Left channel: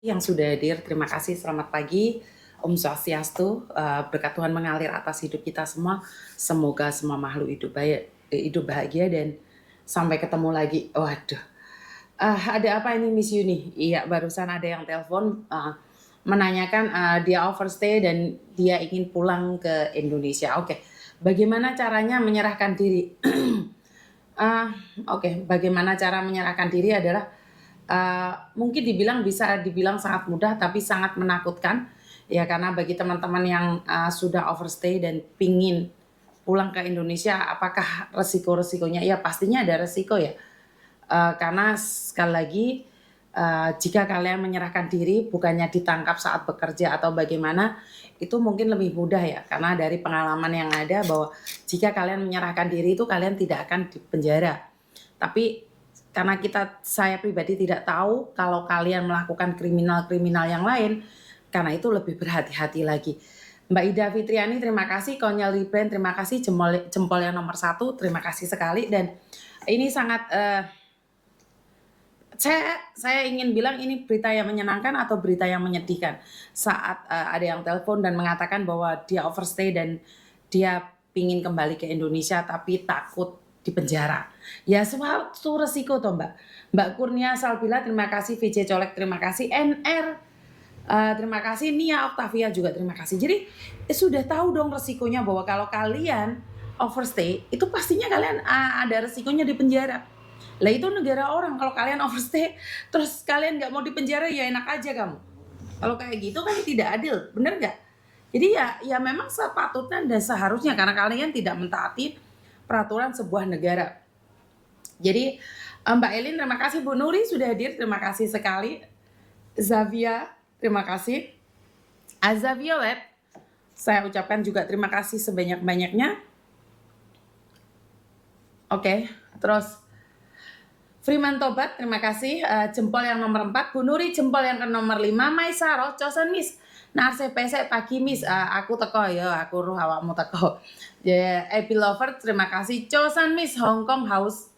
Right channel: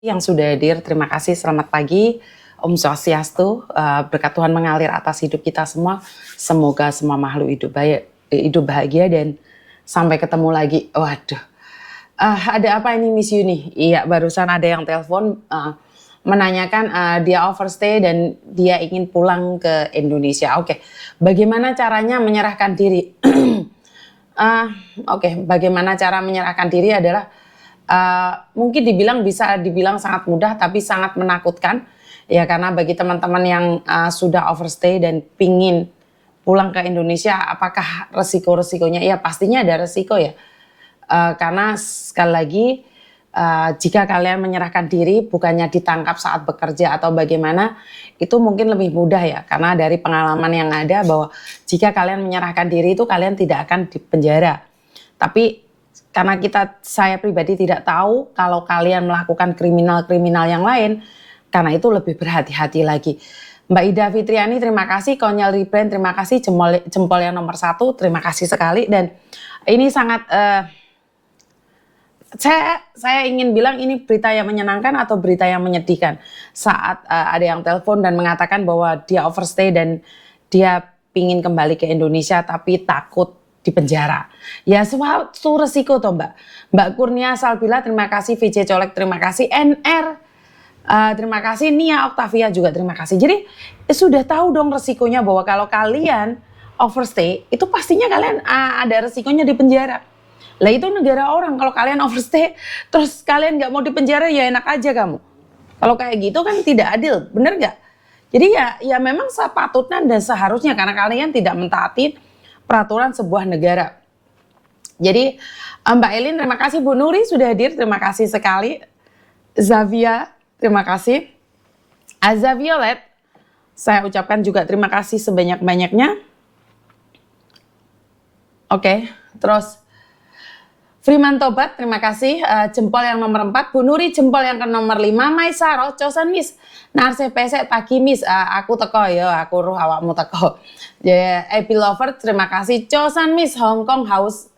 Yang sudah hadir, terima kasih, selamat pagi, Om Swastiastu, berkat Tuhan mengalir atas hidup kita semua, semoga semua makhluk hidup bahagia dan sampai ketemu lagi. Waduh, ada apa ini Miss Yuni? Iya, barusan ada yang telepon menanyakan dia overstay dan dia ingin pulang ke Indonesia. Oke, bagaimana caranya menyerahkan diri? Oke, bagaimana cara menyerahkan diri adalah mungkin bisa dibilang sangat mudah tapi sangat menakutkan ya, karena bagi teman-teman yang sudah overstay dan pingin pulang ke Indonesia, apakah resiko-resikonya? Ya pastinya ada resiko ya, karena sekali lagi jika kalian menyerahkan diri bukannya ditangkap saat bekerja atau bagaimana, itu mungkin lebih mudah ya, karena dari pengalaman yang ada bahwa jika kalian menyerahkan diri itu kalian tidak akan dipenjara. Tapi karena saya pribadi tidak tahu kalau kalian melakukan kriminal-kriminal yang lain, karena itu lebih berhati-hati lagi. Mbak Ida Fitriani, terima kasih. Konyol Rebrand, terima kasih. Jempol yang nomor 1, terima kasih sekali. Dan ini sangat, saya ingin bilang ini berita yang menyenangkan atau berita yang menyedihkan. Saat ada yang telepon dan mengatakan bahwa dia overstay dan dia pingin kembali ke Indonesia tapi takut di penjara. Ya suatu resiko toh Mbak. Mbak Kurnia Salbila, terima kasih. VJ Colek, terima kasih. NR, terima kasih. Nia Octavia juga terima kasih. Jadi sudah tahu dong resikonya bahwa kalau kalian overstay itu pastinya kalian ada resikonya di penjara. Lah itu negara orang, kalau kalian overstay terus kalian nggak mau di penjara ya enak aja kamu. Kalau kayak gitu kan tidak adil, bener nggak? Jadi ya memang sepatutnya dan seharusnya karena kalian tidak mentaati peraturan sebuah negara. Jadi Mbak Elin, terima kasih. Bu Nuri sudah hadir, terima kasih sekali. Zavia, terima kasih. Azza Violet, saya ucapkan juga terima kasih sebanyak-banyaknya. Oke, terus Freeman Tobat, terima kasih. Jempol yang nomor 4. Bu Nuri, jempol yang ke nomor 5. Maisaro, cosan Miss. Narse pesek pagi Miss, aku teko ya, aku roh awakmu teko. Epi Lover, terima kasih. Cosan Miss, Hong Kong House,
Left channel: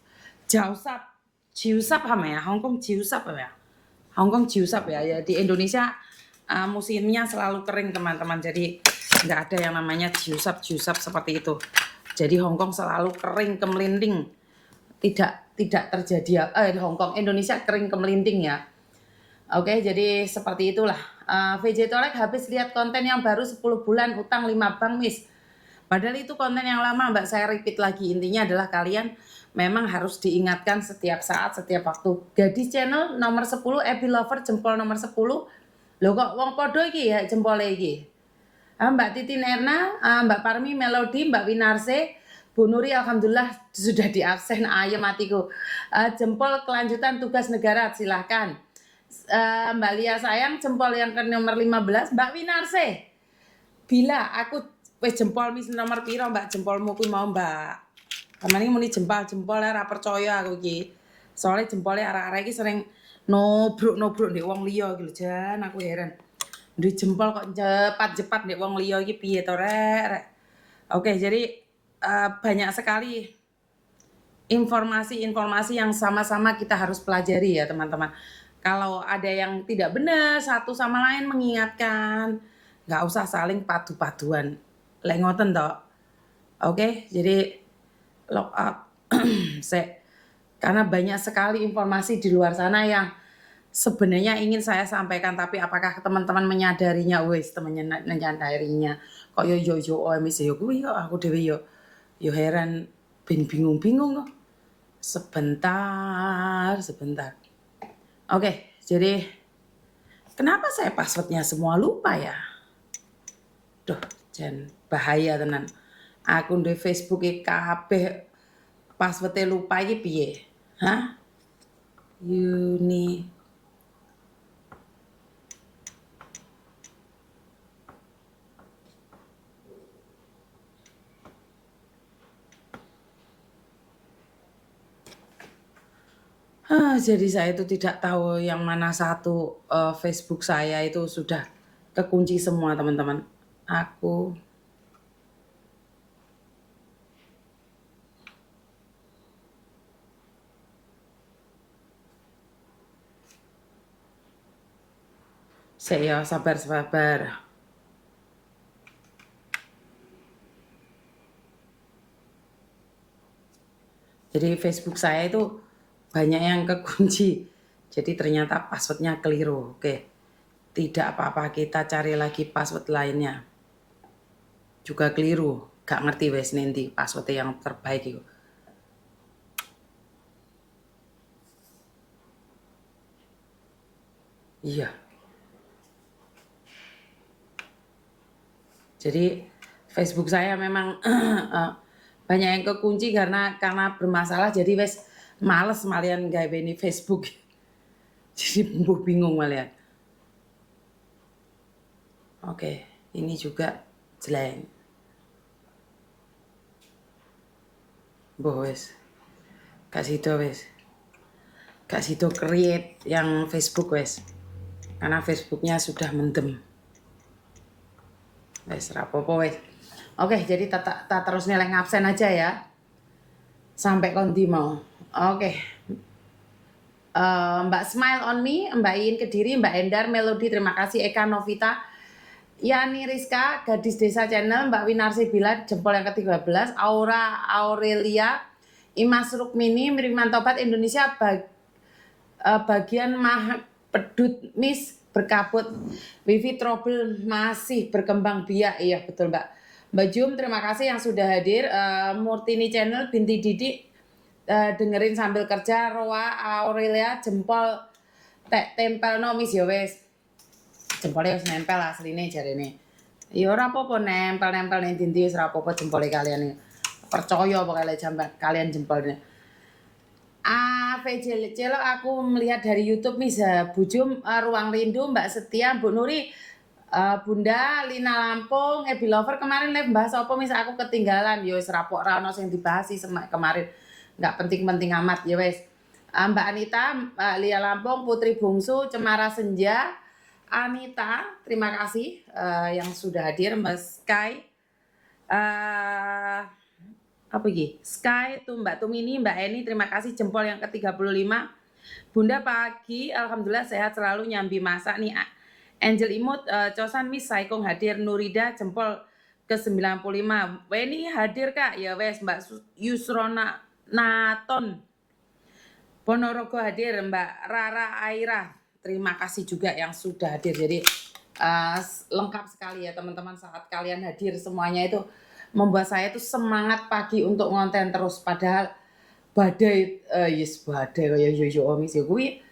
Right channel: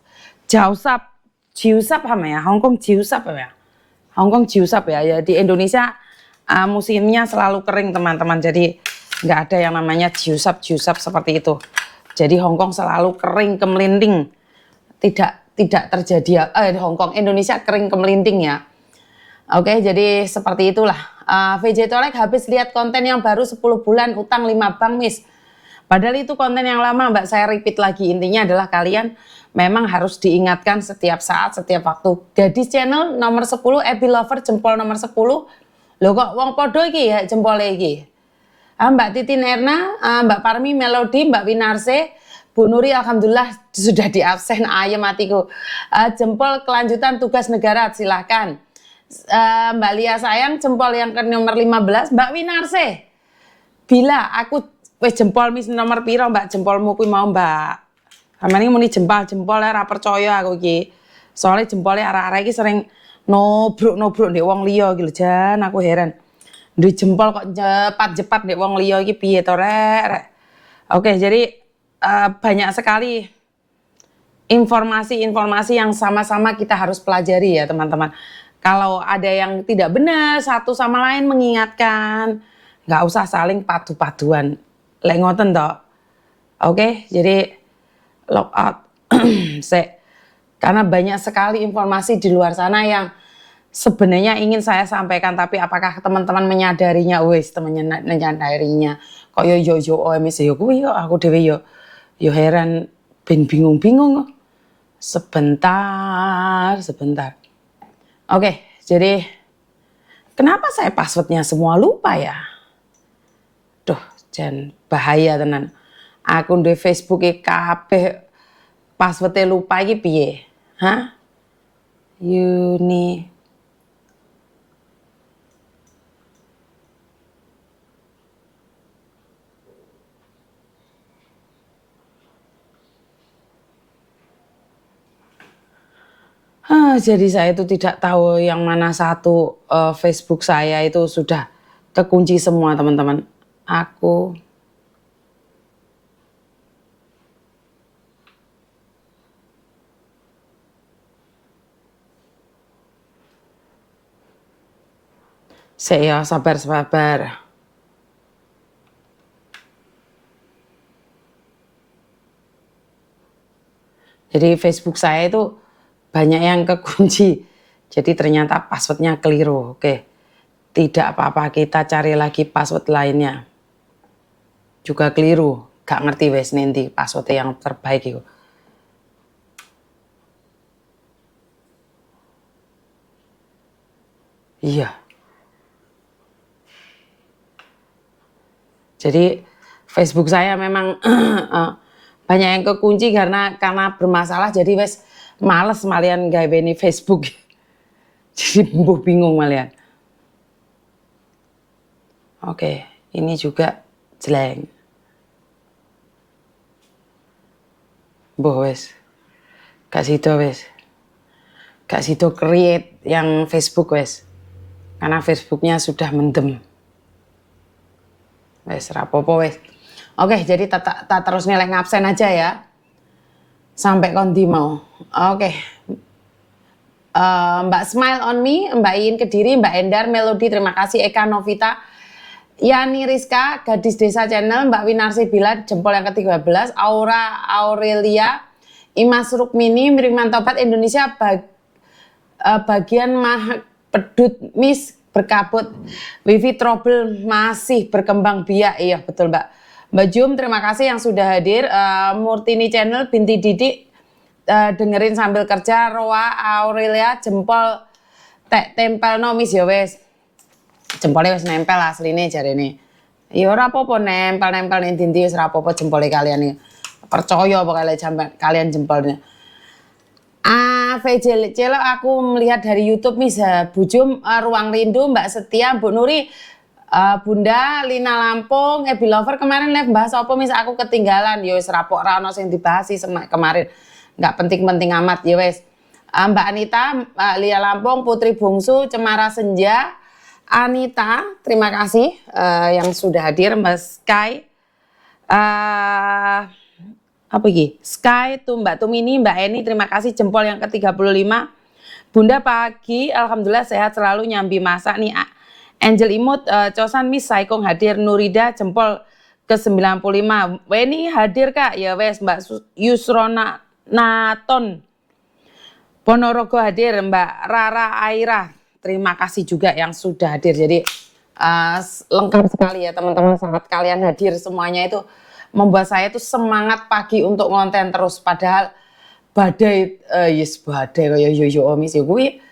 Jiusap apa ya? Hong Kong Jiusap ya? Hong Kong Jiusap ya. Di Indonesia musimnya selalu kering teman-teman, jadi nggak ada yang namanya Jiusap seperti itu. Jadi Hong Kong selalu kering kemelinding, tidak terjadi Hong Kong Indonesia kering kemelinding ya. Oke, jadi seperti itulah. VJ Tolek, habis lihat konten yang baru 10 bulan utang 5 bank Miss. Padahal itu konten yang lama Mbak, saya repeat lagi. Intinya adalah kalian memang harus diingatkan setiap saat, setiap waktu. Gadis channel nomor 10, Ebi Lover jempol nomor 10. Loh kok wong podo iki ya jempol iki. Mbak Titin Erna, Mbak Parmi Melody, Mbak Winarse, Bu Nuri alhamdulillah sudah di absen, ayam matiku. Jempol kelanjutan tugas negara silahkan. Mbak Lia sayang jempol yang ke nomor 15. Mbak Winarse, bila aku wis jempol mis nomor piro Mbak, jempolmu kuwi mau Mbak. Amane muni jempol ya ora percaya aku iki. Soalnya jempolnya arah-arah iki sering nobruk ndek wong liya iki lho, jan aku heran. Duit jempol kok jepat ndek wong liya iki piye to rek. Oke, jadi banyak sekali informasi-informasi yang sama-sama kita harus pelajari ya teman-teman. Kalau ada yang tidak benar, satu sama lain mengingatkan, nggak usah saling padu-paduan. Lek ngoten toh. Oke, jadi log out. Karena banyak sekali informasi di luar sana yang sebenarnya ingin saya sampaikan, tapi apakah teman-teman menyadarinya? Wes, temannya menyadarinya. Kok yo OMS yo kuwi yo aku dhewe yo heran, bingung-bingung. Sebentar. Oke, jadi kenapa saya passwordnya semua lupa ya? Duh, jan bahaya tenan. Akun di Facebook kabeh passwordnya lupa iki piye? Hah? Yuni. Jadi saya itu tidak tahu yang mana satu Facebook saya itu sudah kekunci semua teman-teman. Aku Saya sabar. Jadi Facebook saya itu banyak yang kekunci. Jadi ternyata passwordnya keliru. Oke, tidak apa-apa, kita cari lagi password lainnya. Juga keliru, gak ngerti wes nanti password yang terbaik itu. Iya. Jadi Facebook saya memang banyak yang kekunci karena bermasalah, jadi wes males malian gawe ini Facebook. Jadi bingung malian. Oke, ini juga jelek. Wes. Gak sido wes. Gak sido create yang Facebook wes. Karena Facebooknya sudah mendem. Wes rapopo wes. Oke, jadi tak terus nilai ngabsen aja ya. Sampai kondi mau. Oke. Mbak Smile on Me, Mbak Iin Kediri, Mbak Endar, Melody, terima kasih. Eka Novita, Yani Rizka, Gadis Desa Channel, Mbak Winarsi Bila, jempol yang ke-13, Aura Aurelia, Imas Rukmini, Miriman Tobat, Indonesia, bagian pedut Miss berkabut, Wifi trouble masih berkembang biak. Iya betul Mbak. Mbak Jum, terima kasih yang sudah hadir. Murtini Channel, Binti Didik, dengerin sambil kerja. Roa Aurelia, jempol tempel no Miss ya wes. Jempolnya wis nempel asline jarene. Ya ora apa-apa nempel ning dindi wis ora apa-apa jempole kalian iki. Percaya pokoknya kalian jempolnya. VJ Celo aku melihat dari YouTube Miss Bujum, Ruang Rindu, Mbak Setia, Bu Nuri, Bunda Lina Lampung, Ebi Lover kemarin live bahas apa Miss aku ketinggalan. Ya wis rapok ra ono sing dibahas kemarin. Enggak penting-penting amat ya wis. Mbak Anita, Lia Lampung, Putri Bungsu, Cemara Senja, Anita, terima kasih yang sudah hadir. Mbak Sky, apa iki? Sky, tuh Mbak Tumini, Mbak Eni, terima kasih jempol yang ke-35. Bunda pagi, alhamdulillah sehat selalu, nyambi masak nih. Angel Imut, Cosan Miss Saikong hadir, Nurida jempol ke-95. Weni hadir Kak, ya wes Mbak Yusrona Naton. Ponorogo hadir, Mbak Rara Aira. Terima kasih juga yang sudah hadir. Jadi lengkap sekali ya teman-teman, saat kalian hadir semuanya itu membuat saya itu semangat pagi untuk ngonten terus. Padahal badai, badai kaya yo omis ya kuwi.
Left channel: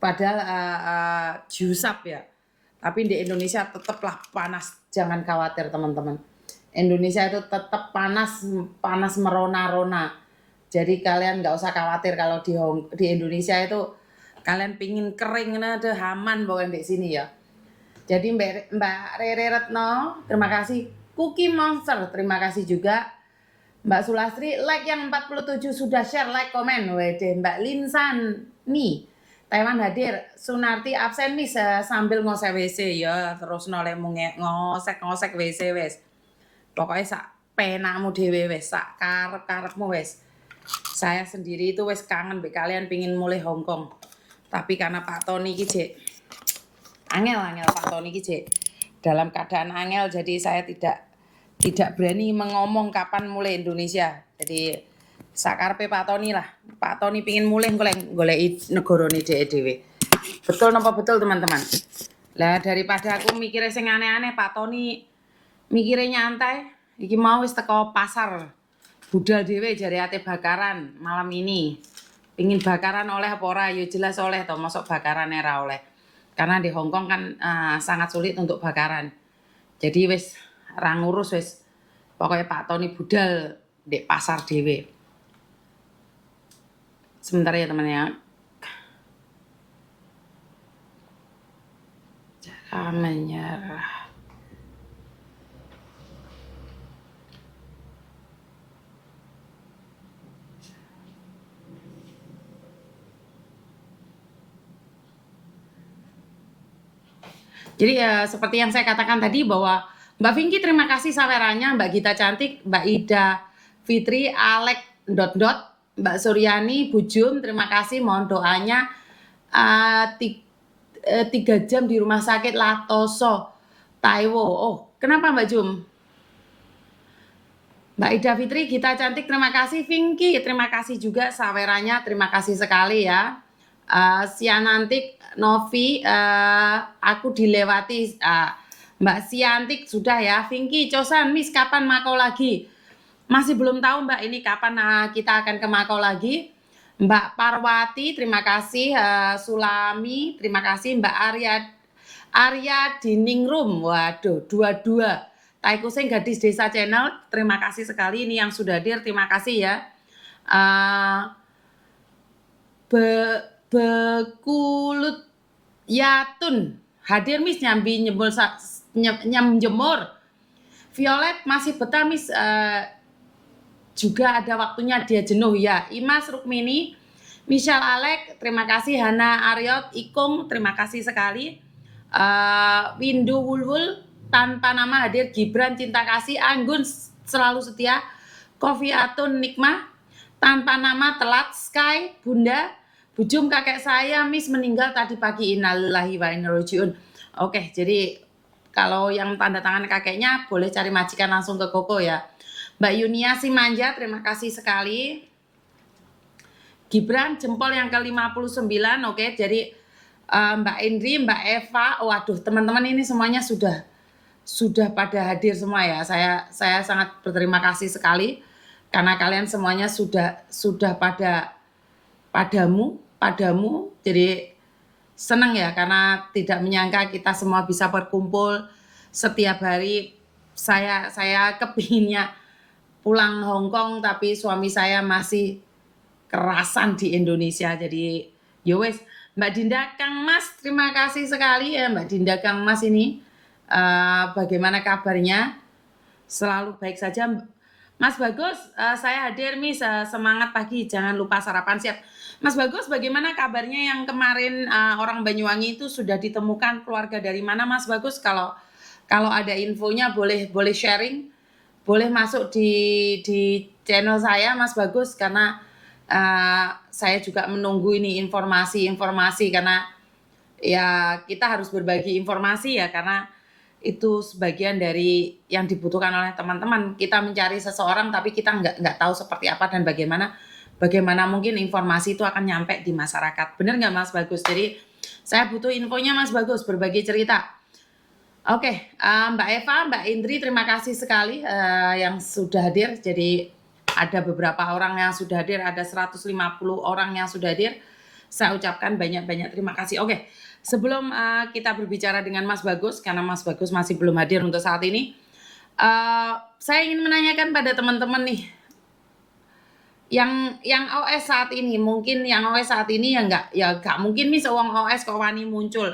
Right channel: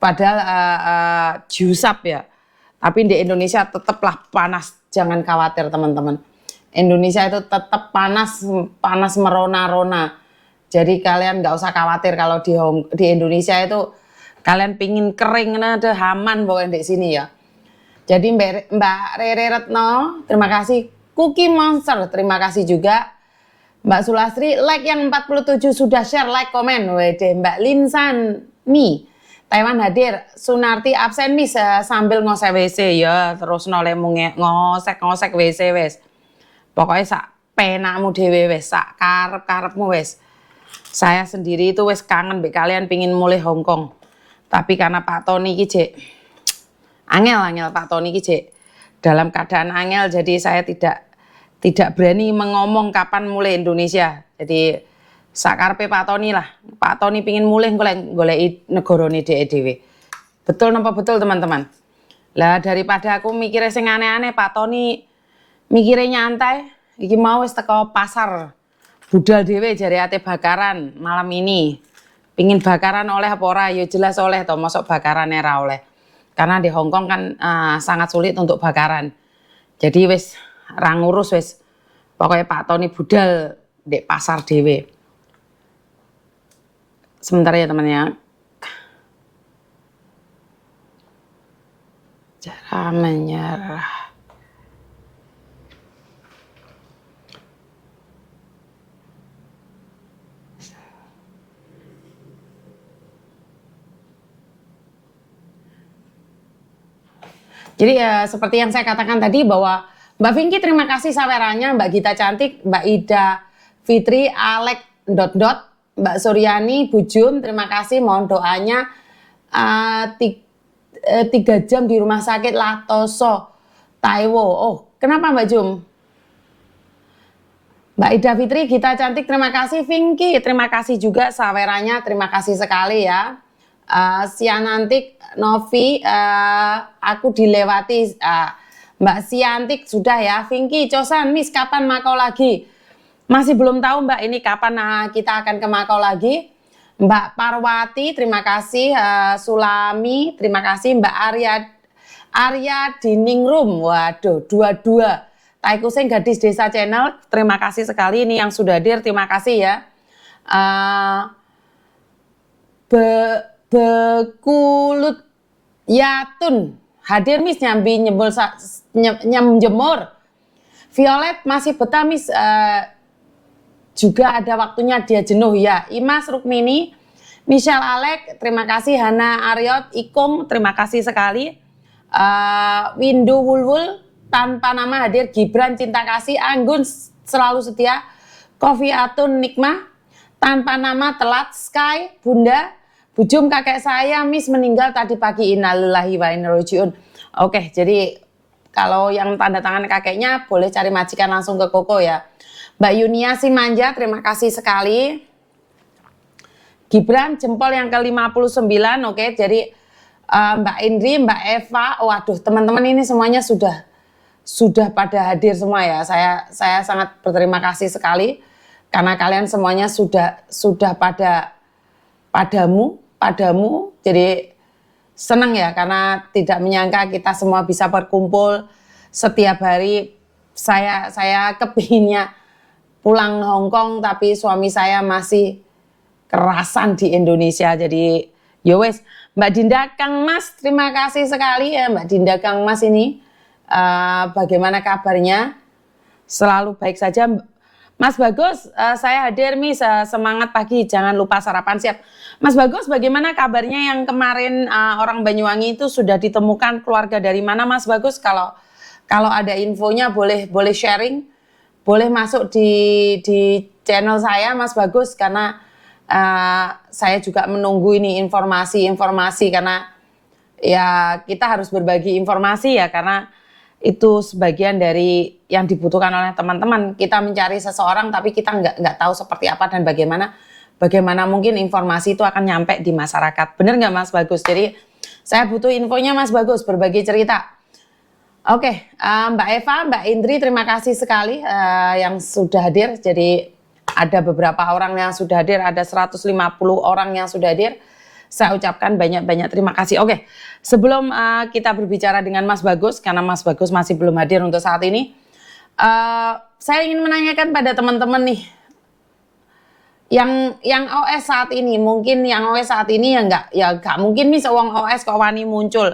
Padahal jusap ya. Tapi di Indonesia tetaplah panas. Jangan khawatir teman-teman. Indonesia itu tetap panas merona-rona. Jadi kalian nggak usah khawatir kalau di Indonesia itu kalian pingin kering, ada haman pokoknya di sini ya. Jadi Mbak Rere Retno, terima kasih. Cookie Monster, terima kasih juga. Mbak Sulastri, like yang 47 sudah share, like, komen. Wede, Mbak Linsan Mi, Taiwan hadir. Sunarti absen Miss sambil ngosek WC ya, terus nolemu ngosek WC wes. Pokoknya sak penakmu dewe wes, sak karep-karepmu wes. Saya sendiri itu wes kangen be kalian pingin mulai Hongkong. Tapi karena Pak Tony ki angel Pak Tony ki dalam keadaan angel, jadi saya tidak berani mengomong kapan mulai Indonesia. Jadi sakarpe Pak Tony lah. Pak Tony pingin mulai golek negarane dhewe. Betul napa betul teman-teman? Lah daripada aku mikirnya sing aneh-aneh, Pak Tony mikirnya nyantai. Iki mau wis teko pasar. Budal dhewe jare ate bakaran malam ini. Pingin bakaran oleh apa ora? Ya jelas oleh to, mosok bakaran ora oleh. Karena di Hongkong kan sangat sulit untuk bakaran. Jadi wis ra ngurus wis. Pokoknya Pak Tony budal di pasar dhewe. Sebentar ya teman ya. Cara menyerah. Jadi seperti yang saya katakan tadi bahwa Mbak Vinky terima kasih sawerannya, Mbak Gita Cantik, Mbak Ida Fitri, Alek Mbak Suryani, Bujum terima kasih, mohon doanya. 3 jam di rumah sakit Latoso, Taiwo. Oh, kenapa Mbak Jum? Mbak Ida Fitri, Gita Cantik, terima kasih. Vinky, terima kasih juga sawerannya, terima kasih sekali ya. Sianantik, Novi, aku dilewati. Mbak Siantik sudah ya. Vinky, Cosan, Miss, kapan Makau lagi? Masih belum tahu Mbak ini kapan kita akan ke Makau lagi. Mbak Parwati, terima kasih. Sulami, terima kasih. Mbak Arya Diningrum, waduh, dua-dua. Taikuseng Gadis Desa Channel, terima kasih sekali ini yang sudah hadir, terima kasih ya. Bekulut Yatun, hadir Miss, nyambi nyemjemur. Violet masih betah Miss, juga ada waktunya dia jenuh ya. Imas Rukmini, Michelle Alek, terima kasih. Hana Aryot, Ikung, terima kasih sekali. Windu Wulwul, tanpa nama hadir. Gibran Cinta Kasih, Anggun selalu setia. Kofi Atun Nikmah, tanpa nama telat. Sky, Bunda, Bujum kakek saya Miss meninggal tadi pagi, innalillahi wa inna ilaihi raji'un. Oke, jadi kalau yang tanda tangan kakeknya boleh cari majikan langsung ke Koko ya. Mbak Yunia Simanja, terima kasih sekali. Gibran jempol yang ke-59, oke. Jadi Mbak Indri, Mbak Eva, waduh teman-teman ini semuanya sudah pada hadir semua ya. Saya sangat berterima kasih sekali karena kalian semuanya sudah padamu. Jadi senang ya karena tidak menyangka kita semua bisa berkumpul setiap hari. Saya kepinginnya pulang Hong Kong tapi suami saya masih kerasan di Indonesia. Jadi yowes. Mbak Dinda Kang Mas, terima kasih sekali ya Mbak Dinda Kang Mas ini. Bagaimana kabarnya? Selalu baik saja. Mas Bagus, saya hadir Miss, semangat pagi, jangan lupa sarapan siap. Mas Bagus, bagaimana kabarnya yang kemarin orang Banyuwangi itu sudah ditemukan keluarga dari mana Mas Bagus? Kalau ada infonya boleh sharing, boleh masuk di channel saya Mas Bagus karena saya juga menunggu ini informasi karena ya kita harus berbagi informasi ya karena itu sebagian dari yang dibutuhkan oleh teman-teman. Kita mencari seseorang tapi kita nggak tahu seperti apa dan bagaimana mungkin informasi itu akan nyampe di masyarakat. Bener nggak Mas Bagus? Jadi saya butuh infonya Mas Bagus, berbagi cerita. Oke, Mbak Eva, Mbak Indri, terima kasih sekali yang sudah hadir. Jadi ada beberapa orang yang sudah hadir, ada 150 orang yang sudah hadir. Saya ucapkan banyak-banyak terima kasih. Oke, sebelum kita berbicara dengan Mas Bagus, karena Mas Bagus masih belum hadir untuk saat ini, saya ingin menanyakan pada teman-teman nih, yang OS saat ini, mungkin yang OS saat ini ya nggak mungkin nih sewang OS kok wani muncul.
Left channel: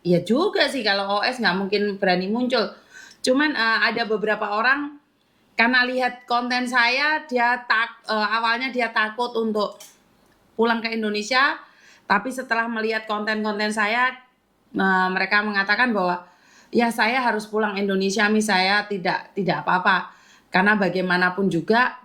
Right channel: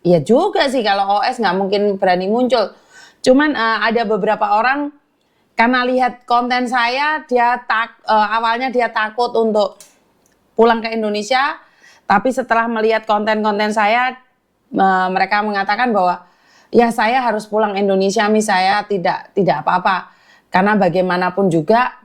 Iya juga sih kalau OS nggak mungkin berani muncul. Cuman ada beberapa orang karena lihat konten saya, awalnya dia takut untuk pulang ke Indonesia, tapi setelah melihat konten-konten saya, mereka mengatakan bahwa ya saya harus pulang Indonesia, saya tidak apa-apa, karena bagaimanapun juga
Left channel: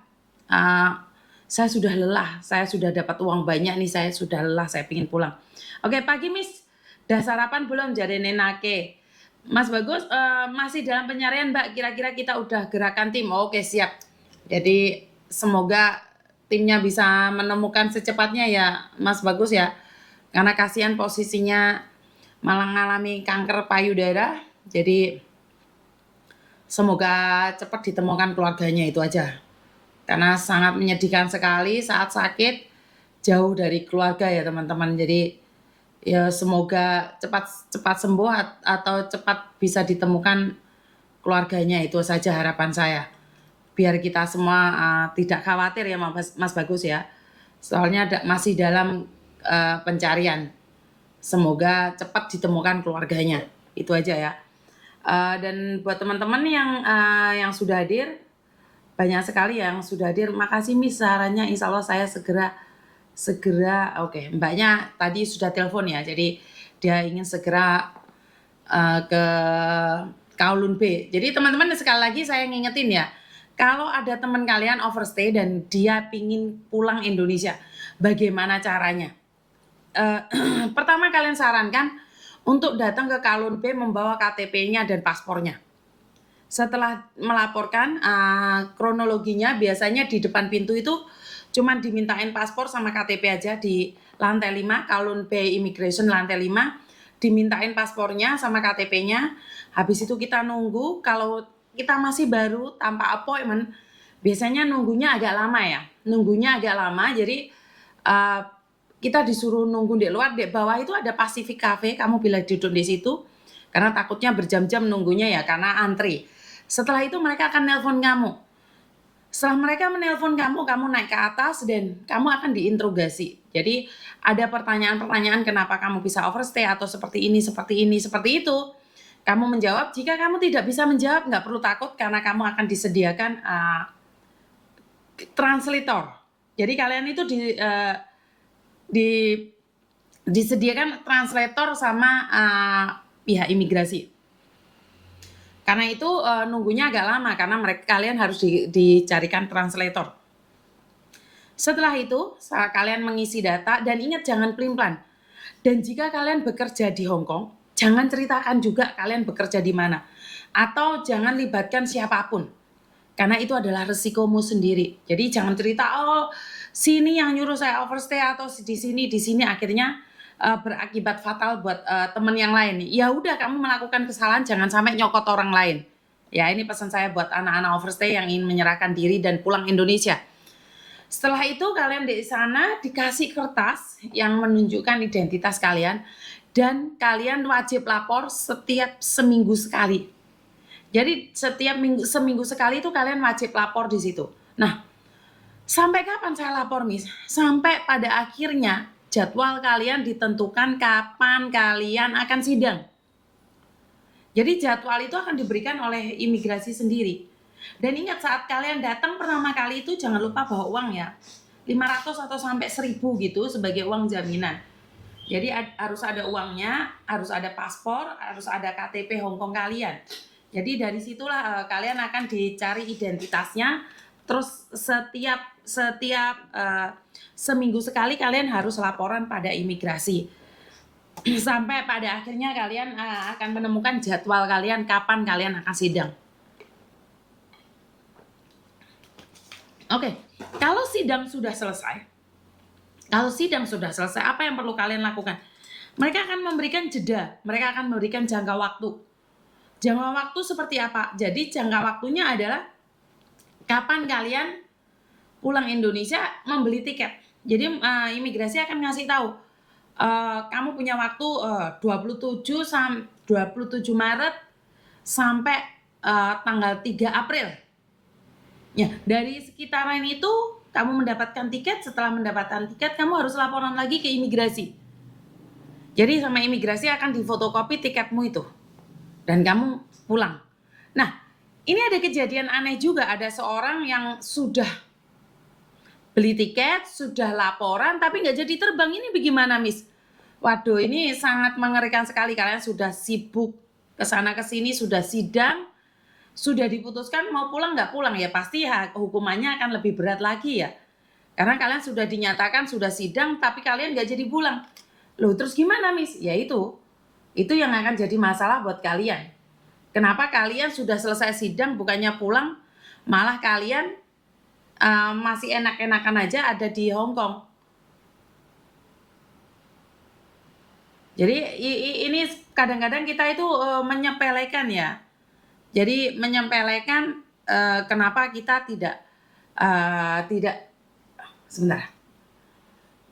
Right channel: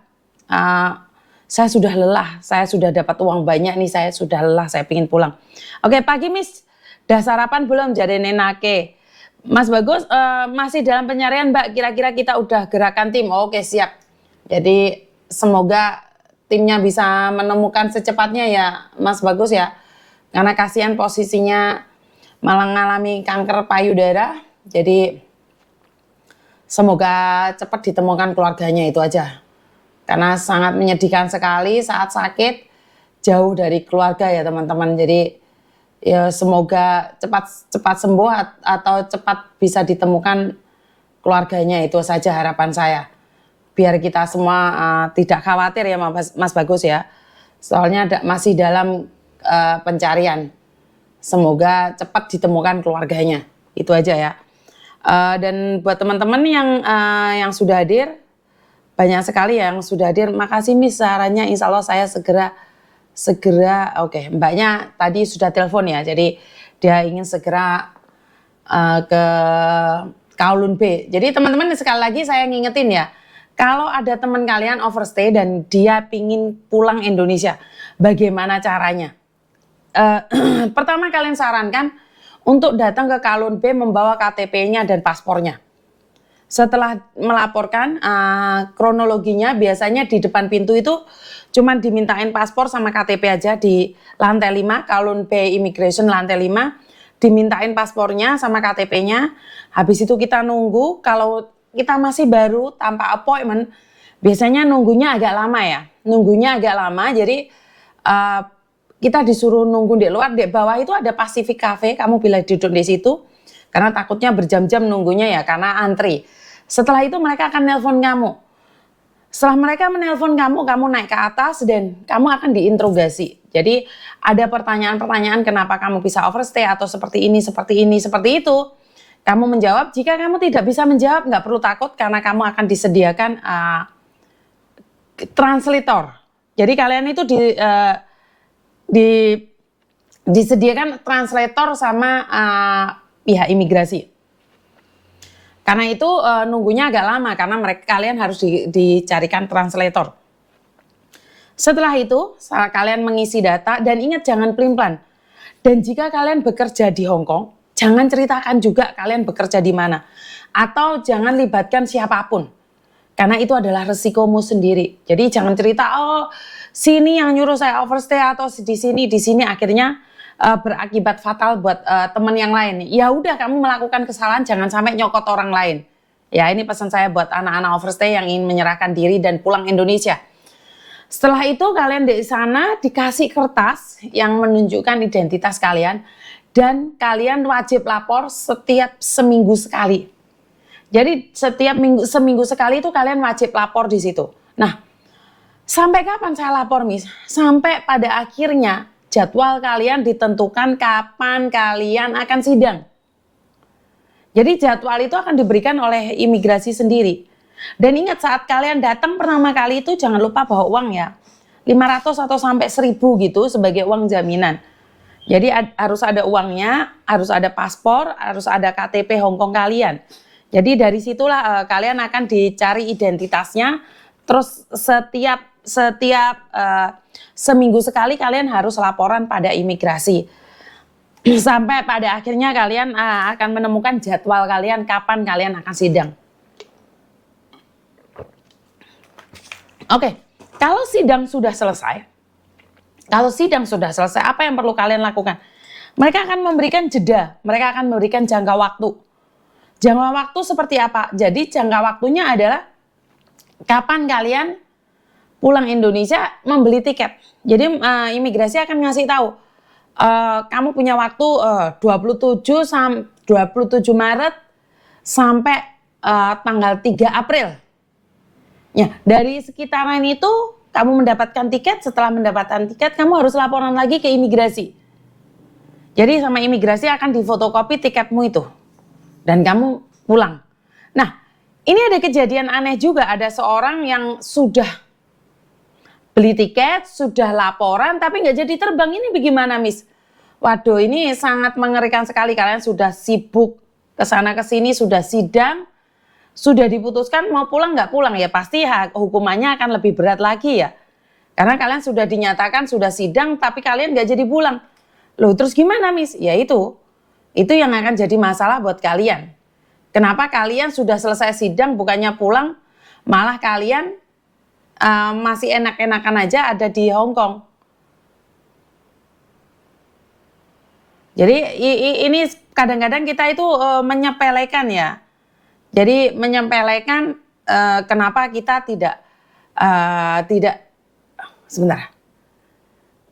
saya sudah lelah, saya sudah dapat uang banyak nih, saya sudah lelah, saya ingin pulang. Oke, pagi Miss, udah sarapan belum? Jadi nenake. Mas Bagus, masih dalam pencarian Mbak, kira-kira kita udah gerakan tim. Oke, siap. Jadi semoga timnya bisa menemukan secepatnya ya Mas Bagus ya. Karena kasihan posisinya malah mengalami kanker payudara. Jadi semoga cepat ditemukan keluarganya, itu aja. Karena sangat menyedihkan sekali saat sakit jauh dari keluarga ya teman-teman. Jadi ya semoga cepat sembuh atau cepat bisa ditemukan keluarganya, itu saja harapan saya. Biar kita semua tidak khawatir ya Mas Bagus ya. Soalnya masih dalam pencarian. Semoga cepat ditemukan keluarganya. Itu aja ya. Dan buat teman-teman yang sudah hadir, banyak sekali yang sudah hadir. Makasih Miss sarannya, insya Allah saya segera. Oke, Mbaknya tadi sudah telepon ya, jadi dia ingin segera ke Kowloon B. Jadi teman-teman sekali lagi saya ngingetin ya, kalau ada teman kalian overstay dan dia pingin pulang Indonesia, bagaimana caranya? Pertama kalian sarankan untuk datang ke Kalun B membawa KTP-nya dan paspornya. Setelah melaporkan, kronologinya biasanya di depan pintu itu cuma dimintain paspor sama KTP aja di lantai 5, Kalun B Immigration lantai 5, dimintain paspornya sama KTP-nya. Habis itu kita nunggu, kalau kita masih baru tanpa appointment, biasanya nunggunya agak lama ya. Nunggunya agak lama, jadi kita disuruh nunggu di luar. Di bawah itu ada Pacific Cafe, kamu bila duduk di situ, karena takutnya berjam-jam nunggunya ya, karena antri. Setelah itu mereka akan nelpon kamu. Setelah mereka menelpon kamu, kamu naik ke atas dan kamu akan diinterogasi. Jadi ada pertanyaan-pertanyaan kenapa kamu bisa overstay atau seperti ini, seperti itu. Kamu menjawab, jika kamu tidak bisa menjawab nggak perlu takut karena kamu akan disediakan translator. Jadi kalian itu disediakan translator sama pihak imigrasi. Karena itu nunggunya agak lama karena kalian harus dicarikan translator. Setelah itu kalian mengisi data dan ingat jangan pelin-pelan. Dan jika kalian bekerja di Hong Kong, jangan ceritakan juga kalian bekerja di mana. Atau jangan libatkan siapapun. Karena itu adalah resikomu sendiri. Jadi jangan cerita, oh sini yang nyuruh saya overstay atau di sini akhirnya berakibat fatal buat teman yang lain. Ya udah kamu melakukan kesalahan jangan sampai nyokot orang lain. Ya ini pesan saya buat anak-anak overstay yang ingin menyerahkan diri dan pulang Indonesia. Setelah itu kalian di sana dikasih kertas yang menunjukkan identitas kalian dan kalian wajib lapor setiap seminggu sekali. Jadi setiap seminggu sekali itu kalian wajib lapor di situ. Nah, sampai kapan saya lapor, Miss? Sampai pada akhirnya jadwal kalian ditentukan kapan kalian akan sidang. Jadi jadwal itu akan diberikan oleh imigrasi sendiri. Dan ingat saat kalian datang pertama kali itu jangan lupa bawa uang ya. 500 atau sampai 1000 gitu sebagai uang jaminan. Jadi harus ada uangnya, harus ada paspor, harus ada KTP Hong Kong kalian. Jadi dari situlah kalian akan dicari identitasnya. Terus setiap seminggu sekali kalian harus laporan pada imigrasi. Sampai pada akhirnya kalian akan menemukan jadwal kalian kapan kalian akan sidang. Oke, kalau sidang sudah selesai, apa yang perlu kalian lakukan? Mereka akan memberikan jeda, mereka akan memberikan jangka waktu. Jangka waktu seperti apa? Jadi jangka waktunya adalah kapan kalian pulang Indonesia membeli tiket. Jadi imigrasi akan ngasih tahu, kamu punya waktu 27 Maret sampai tanggal 3 April. Ya, dari sekitaran itu kamu mendapatkan tiket, setelah mendapatkan tiket kamu harus laporan lagi ke imigrasi. Jadi sama imigrasi akan difotokopi tiketmu itu. Dan kamu pulang. Nah, ini ada kejadian aneh juga, ada seorang yang sudah beli tiket, sudah laporan tapi nggak jadi terbang. Ini bagaimana, Miss? Waduh, ini sangat mengerikan sekali. Kalian sudah sibuk kesana kesini, sudah sidang, sudah diputuskan mau pulang nggak pulang ya pasti hukumannya akan lebih berat lagi ya. Karena kalian sudah dinyatakan sudah sidang tapi kalian nggak jadi pulang. Loh terus gimana, Miss? Ya itu yang akan jadi masalah buat kalian. Kenapa kalian sudah selesai sidang bukannya pulang, malah kalian masih enak-enakan aja ada di Hong Kong. Jadi ini kadang-kadang kita itu menyepelekan ya. Jadi menyepelekan kenapa kita tidak sebentar.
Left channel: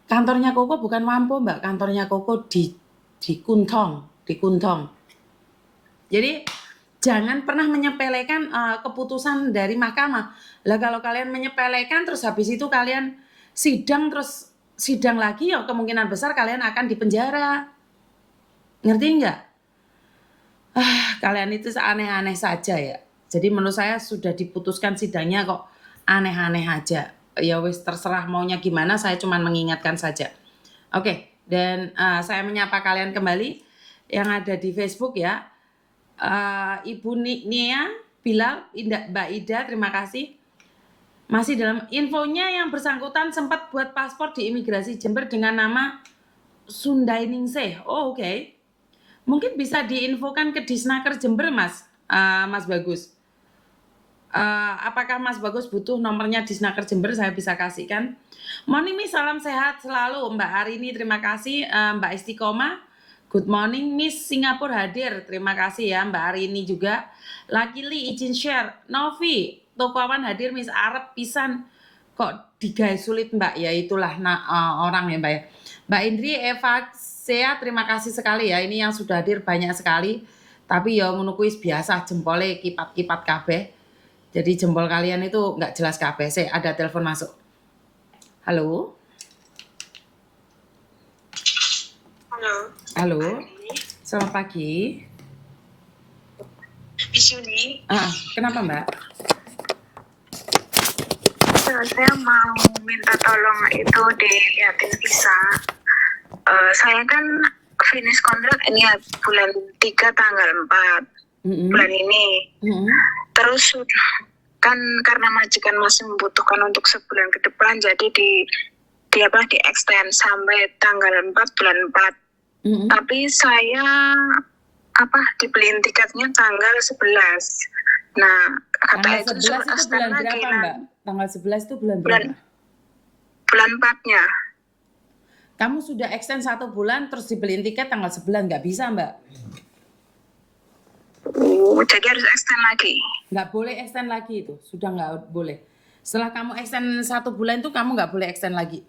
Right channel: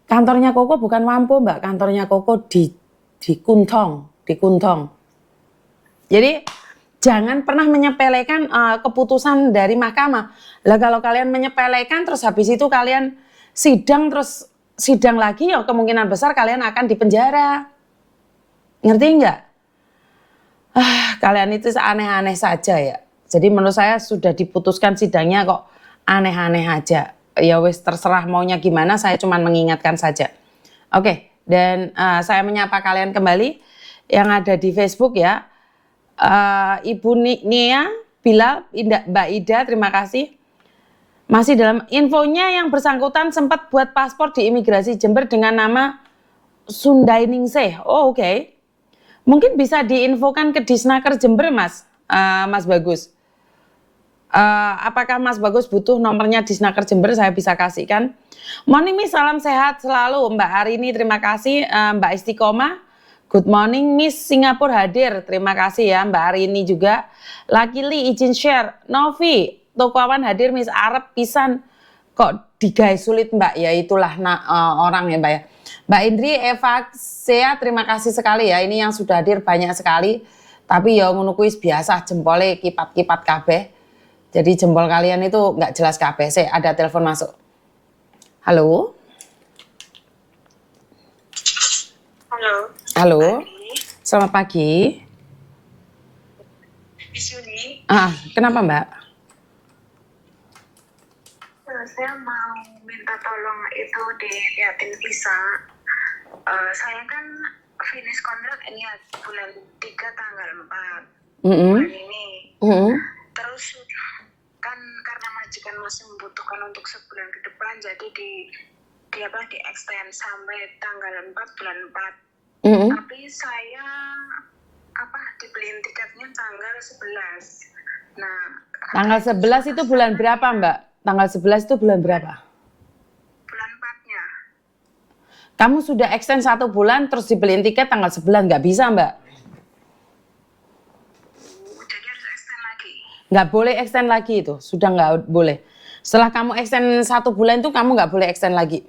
Kantornya Koko bukan Wampo, Mbak. Kantornya Koko di Kuntong. Jadi jangan pernah menyepelekan keputusan dari mahkamah. Lah kalau kalian menyepelekan terus habis itu kalian sidang lagi ya kemungkinan besar kalian akan dipenjara. Ngerti enggak? Kalian itu aneh-aneh saja ya. Jadi menurut saya sudah diputuskan sidangnya kok aneh-aneh aja. Ya wis terserah maunya gimana, saya cuma mengingatkan saja. Oke, dan saya menyapa kalian kembali yang ada di Facebook ya. Ibu Nia, Bilal, Mbak Ida, terima kasih. Masih dalam infonya yang bersangkutan sempat buat paspor di imigrasi Jember dengan nama Sundai Ningsih. Oh oke. Mungkin bisa diinfokan ke Disnaker Jember, Mas, Mas Bagus. Apakah Mas Bagus butuh nomornya Disnaker Jember? Saya bisa kasihkan. Morning Miss, salam sehat selalu. Mbak Arini, terima kasih. Mbak Istiqomah, good morning Miss, Singapura hadir. Terima kasih ya Mbak Arini juga. Lakili izin share. Novi, Tokoawan hadir Miss, Arab pisan. Kok digawe sulit Mbak? Ya itulah orang ya Mbak ya. Mbak Indri, Eva, Sea, terima kasih sekali ya. Ini yang sudah hadir banyak sekali. Tapi ya ngono kuwi biasa jempolnya kipat-kipat kabeh. Jadi jempol kalian itu nggak jelas kabeh. Ada telepon masuk. Halo. Halo. Halo. Selamat pagi. Miss Yuni. Kenapa Mbak? Saya mau minta tolong itu dilihatin visa. Saya kan finish kontrak ini ya bulan 3 tanggal 4 bulan ini. Terus kan karena majikan masih membutuhkan untuk sebulan ke depan, jadi di extend sampai tanggal 4 bulan 4. Tapi saya dibeliin tiketnya tanggal 11. Nah, tanggal 11 itu bulan berapa Mbak? Tanggal 11 itu bulan berapa? Bulan 4-nya. Kamu sudah extend 1 bulan terus dibeliin tiket tanggal 11, nggak bisa Mbak? Jadi harus extend lagi? Nggak boleh extend lagi itu, sudah nggak boleh. Setelah kamu extend 1 bulan itu kamu nggak boleh extend lagi.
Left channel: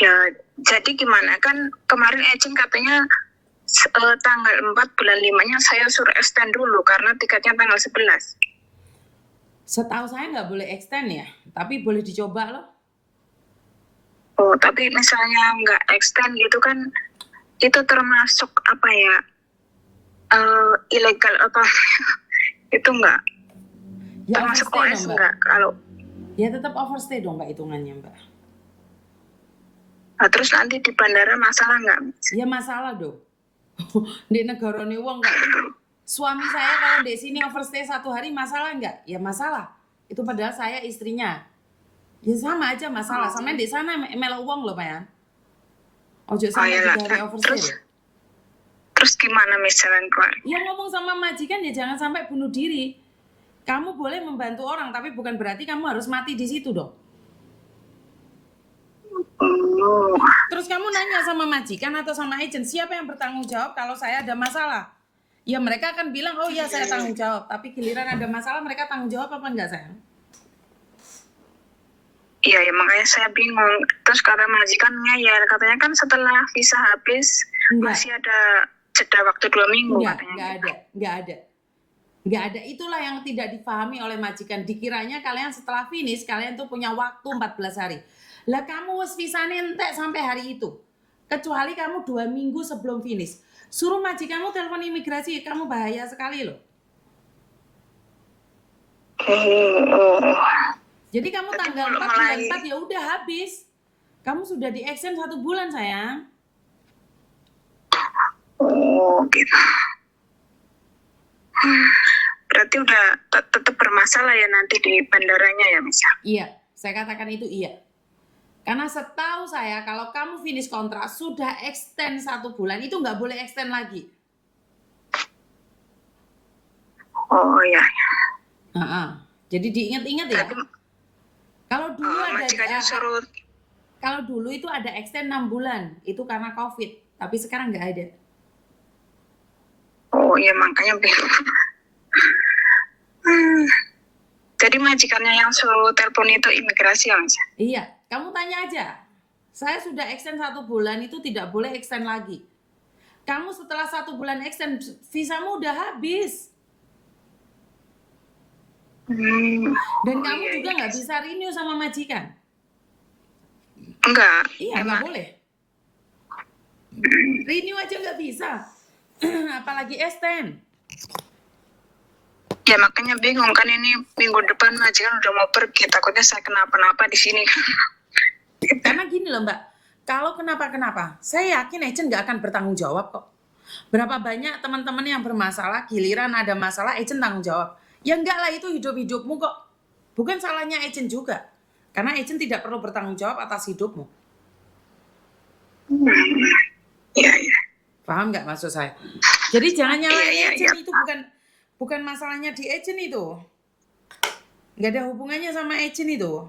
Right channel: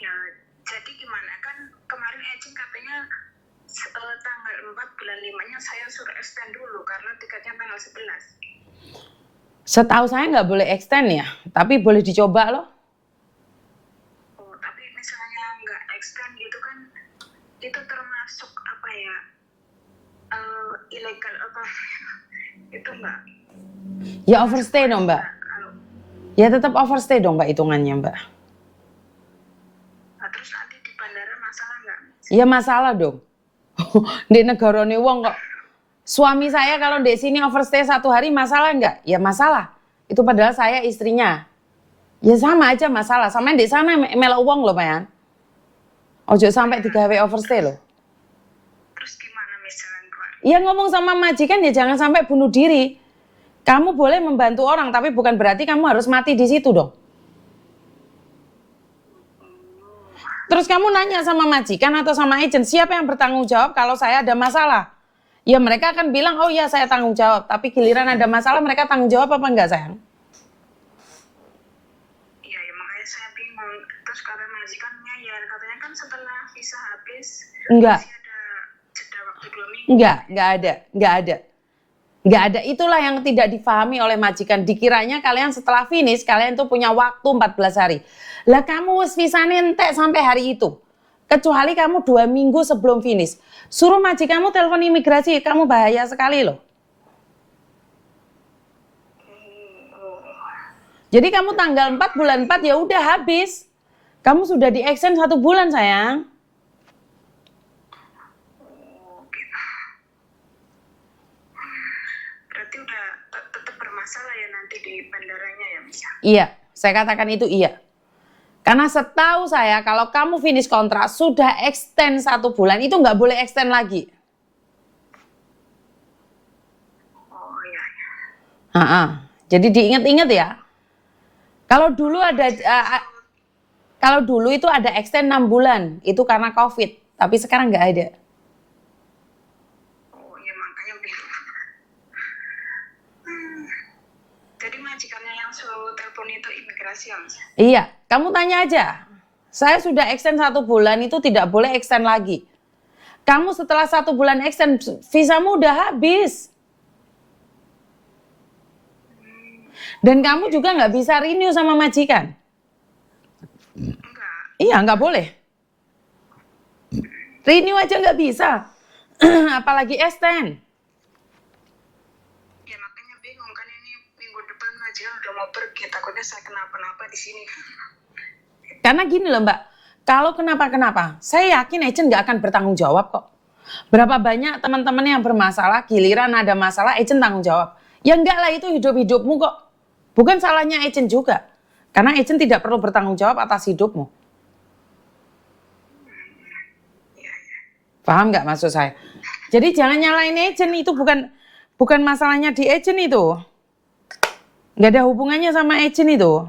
Ya, jadi gimana? Kan kemarin agent katanya tanggal 4 bulan 5-nya saya suruh extend dulu karena tiketnya tanggal 11. Setahu saya nggak boleh extend ya, tapi boleh dicoba loh. Oh, tapi misalnya nggak extend gitu kan, itu termasuk apa ya, ilegal apa? Itu nggak? Ya overstay dong Mbak. Kalau ya tetap overstay dong Mbak hitungannya Mbak. Nah, terus nanti di bandara masalah nggak? Ya masalah dong. Di negara ini wong kok. Suami saya kalau di sini overstay 1 hari masalah nggak? Ya masalah. Itu padahal saya istrinya. Ya sama aja masalah. Sama di sana melok uang loh Pak. Ojo sampai digawe overstay loh. Terus gimana misalnya keluar? Ya ngomong sama majikan ya jangan sampai bunuh diri. Kamu boleh membantu orang tapi bukan berarti kamu harus mati di situ dong. Terus kamu nanya sama majikan atau sama agent, siapa yang bertanggung jawab kalau saya ada masalah? Ya mereka akan bilang, oh iya saya tanggung jawab. Tapi giliran ada masalah mereka tanggung jawab apa enggak sayang? Iya ya makanya saya bingung. Terus kata majikannya ya katanya kan setelah visa habis masih ada jeda waktu 2 minggu. Enggak ada. Itulah yang tidak difahami oleh majikan. Dikiranya kalian setelah finish kalian tuh punya waktu 14 hari. Lah kamu wis visane entek sampai hari itu. Kecuali kamu 2 minggu sebelum finish. Suruh majikanmu telepon imigrasi, kamu bahaya sekali loh. Jadi kamu tanggal 4 bulan 4 ya udah habis. Kamu sudah di-extend 1 bulan sayang. Oh gitu. Berarti udah tetap bermasalah ya nanti di bandaranya ya misal? Iya, saya katakan itu iya. Karena setahu saya kalau kamu finish kontrak sudah extend 1 bulan itu nggak boleh extend lagi. Oh iya. Jadi diingat-ingat ya. Kalau dulu itu ada extend 6 bulan itu karena COVID, tapi sekarang nggak ada. Oh iya makanya bingung. Jadi majikannya yang suruh telepon itu imigrasi ya Mas? Iya, kamu tanya aja. Saya sudah extend 1 bulan itu tidak boleh extend lagi. Kamu setelah 1 bulan extend, visamu udah habis. Dan kamu juga nggak bisa renew sama majikan. Enggak. Iya, nggak boleh. Renew aja nggak bisa. Apalagi extend. Ya makanya bingung kan ini minggu depan majikan udah mau pergi, takutnya saya kenapa-napa di sini. Karena gini loh Mbak, kalau kenapa-kenapa, saya yakin agent nggak akan bertanggung jawab kok. Berapa banyak teman-teman yang bermasalah, giliran ada masalah, agent tanggung jawab. Ya enggak lah, itu hidup-hidupmu kok. Bukan salahnya agent juga. Karena agent tidak perlu bertanggung jawab atas hidupmu. Iya, iya. Paham nggak maksud saya? Jadi jangan nyalain Iya, agent, iya. itu bukan masalahnya di agent itu. Nggak ada hubungannya sama agent itu.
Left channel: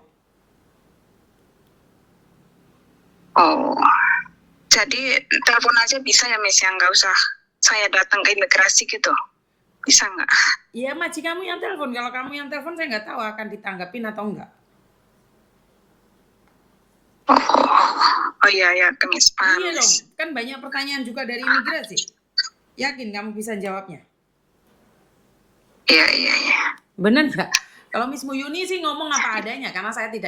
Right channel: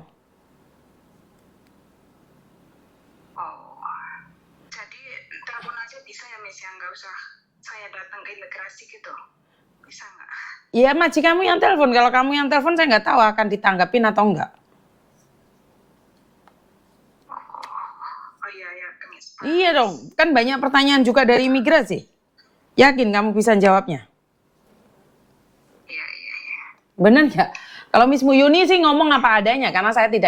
Oh, jadi telepon aja bisa ya Miss, yang nggak usah saya datang ke imigrasi gitu, bisa nggak? Ya maji kamu yang telepon. Kalau kamu yang telepon saya nggak tahu akan ditanggapin atau enggak. Oh iya ya, Miss. Paham, Iya Miss. dong, kan banyak pertanyaan juga dari imigrasi. Yakin kamu bisa jawabnya? Iya. Bener nggak? Kalau Miss Muyuni sih ngomong apa adanya karena saya tidak